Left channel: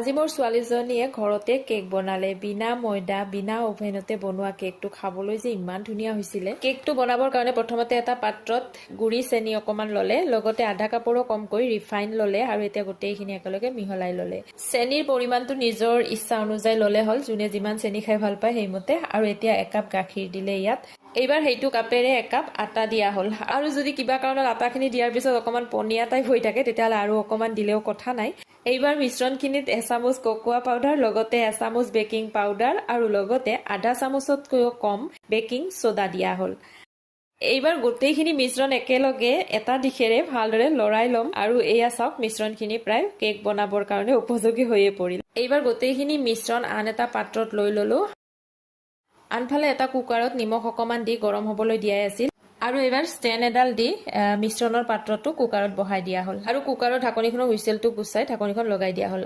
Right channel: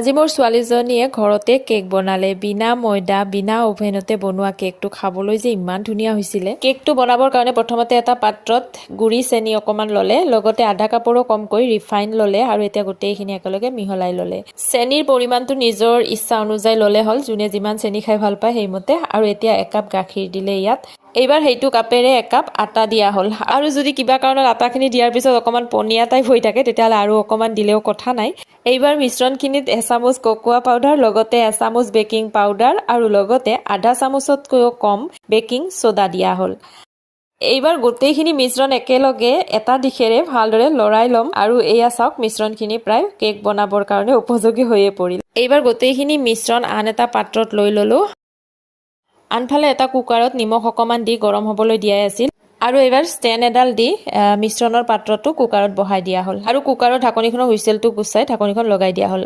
আজি মোৰ ছোৱালীজনীয়ে ঘৰতে কেক বনালে বিনা ময়দা বিনা ওভেনতে বনোৱা কেকটো খাবলৈ যে ইমান ধুনীয়া হৈছিলে। কেকটো বনাবৰ কাৰণে প্ৰথমতে এটা পাত্ৰত গুড়ি চেনি অকমান ললে, লগতে আধা কাপৰো কমকৈ ৰিফাইন ললে আৰু এতিয়া গোটেইখিনি একেলগে মিহলাই ললে। চেনিৰ পৰিমাণটো নিজৰ ইচ্ছা অনুযায়ী ললে হ'ল, যোনে যিমান চেনি খাই ভাল পায় সেইমতে। আৰু এতিয়া একাপ গাখীৰ দিলে ইয়াত। এইবাৰ সেইটো কাপেৰে একাপ আটা দিয়া হ'ল। আৰু যদি কিবা কাৰণত আটাখিনি দিয়াৰ পিছত অকমান পনীয়া টাইপ হৈ থাকে তেতিয়াহ'লে আৰু অকমান দিলেও কথা নাই। এইবাৰ মিশ্ৰণখিনিত এচামুচ কোকোৱা পাউডাৰ, লগতে এচামুচ বেকিং পাউডাৰ আৰু লগতে আধা চামুচতকৈও কম বেকিং সোডা দিয়া হ'ল। এইবাৰ গোটেইখিনি মিশ্ৰণ একেলগে এটা দিশেৰে ভালদৰে লৰাই ল'ম আৰু এয়া চাওক মিশ্ৰণখিনি প্ৰায় কেক বনাবৰ কাৰণে উপযোগী হৈয়ে পৰিল। এইবাৰ গোটেইখিনি মিশ্ৰণ আন এটা পাত্ৰত লৈ ল'লো। আনফালে এটা কুকাৰত নিমখ অকমান দি গৰম হ'বলৈ দিয়াই আছিল আৰু এইবাৰ ষ্টেণ্ড এডাল দি মিশ্ৰণৰ পাত্ৰটো কুকাৰত বহাই দিয়া হ'ল আৰু কুকাৰৰ ঢাকনিখনৰ হুইচেলটো গুচাই ঢাকনিখন লগাই দিয়া হ'ল।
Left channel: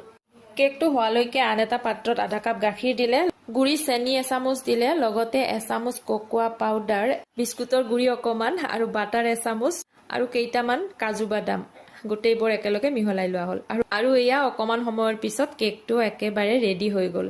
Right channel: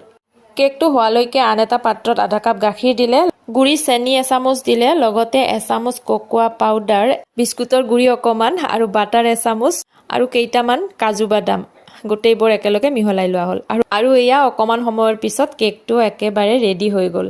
কেকটো হোৱালৈকে আন এটা পাত্ৰত আধা কাপ গাখীৰ দিলে, গুড়ি চেনি এচামুচ দিলে, লগতে এচামুচ কোকোৱা পাউডাৰ, বিস্কুটৰ গুড়ি অকমান আৰু বাটাৰ এচামুচ আৰু কেইটামান কাজু বাদাম গোটেইবোৰ একেলগে মিহলাই লোৱা হ'ল আৰু এয়া অকমান সময়ৰ পিছত কেকটো একেবাৰে ৰেডি হৈ গ'ল।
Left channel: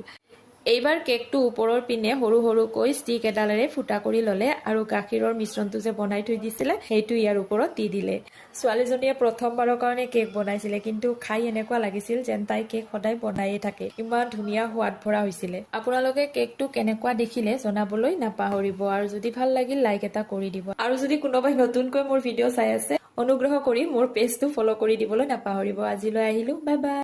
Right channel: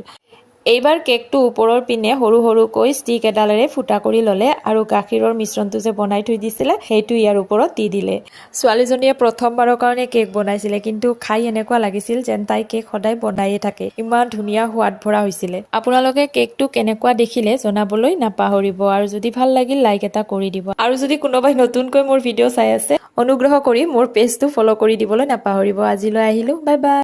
এইবাৰ কেকটো ওপৰৰ পিনে সৰু সৰুকৈ ষ্টিক এডালেৰে ফুটা কৰি ল'লে আৰু গাখীৰৰ মিশ্ৰণটো যে বনাই থৈ দিছিলে সেইটো ইয়াৰ ওপৰত দি দিলে। ছোৱালীজনীয়ে প্ৰথমবাৰৰ কাৰণে কেক বনাইছিলে, কিন্তু খাই এনেকুৱা লাগিছিল যেন তাই কেক সদায় বনায়ে থাকে। ইমান ধুনীয়া সোৱাদ ভৰা হৈছিলে। আপোনালোকে কেকটো কেনেকুৱা দেখিলে জনাবলৈ নাপাহৰিব আৰু যদি ভাল লাগিল লাইক এটা কৰি দিব। আৰু যদি কোনোবাই নতুনকৈ মোৰ ভিডিঅ' চাই আছে অনুগ্ৰহ কৰি মোৰ পেজটো ফ'ল' কৰি দিবলৈ নাপাহৰিব। আজিলৈ আহিলোঁ, বাই বাই।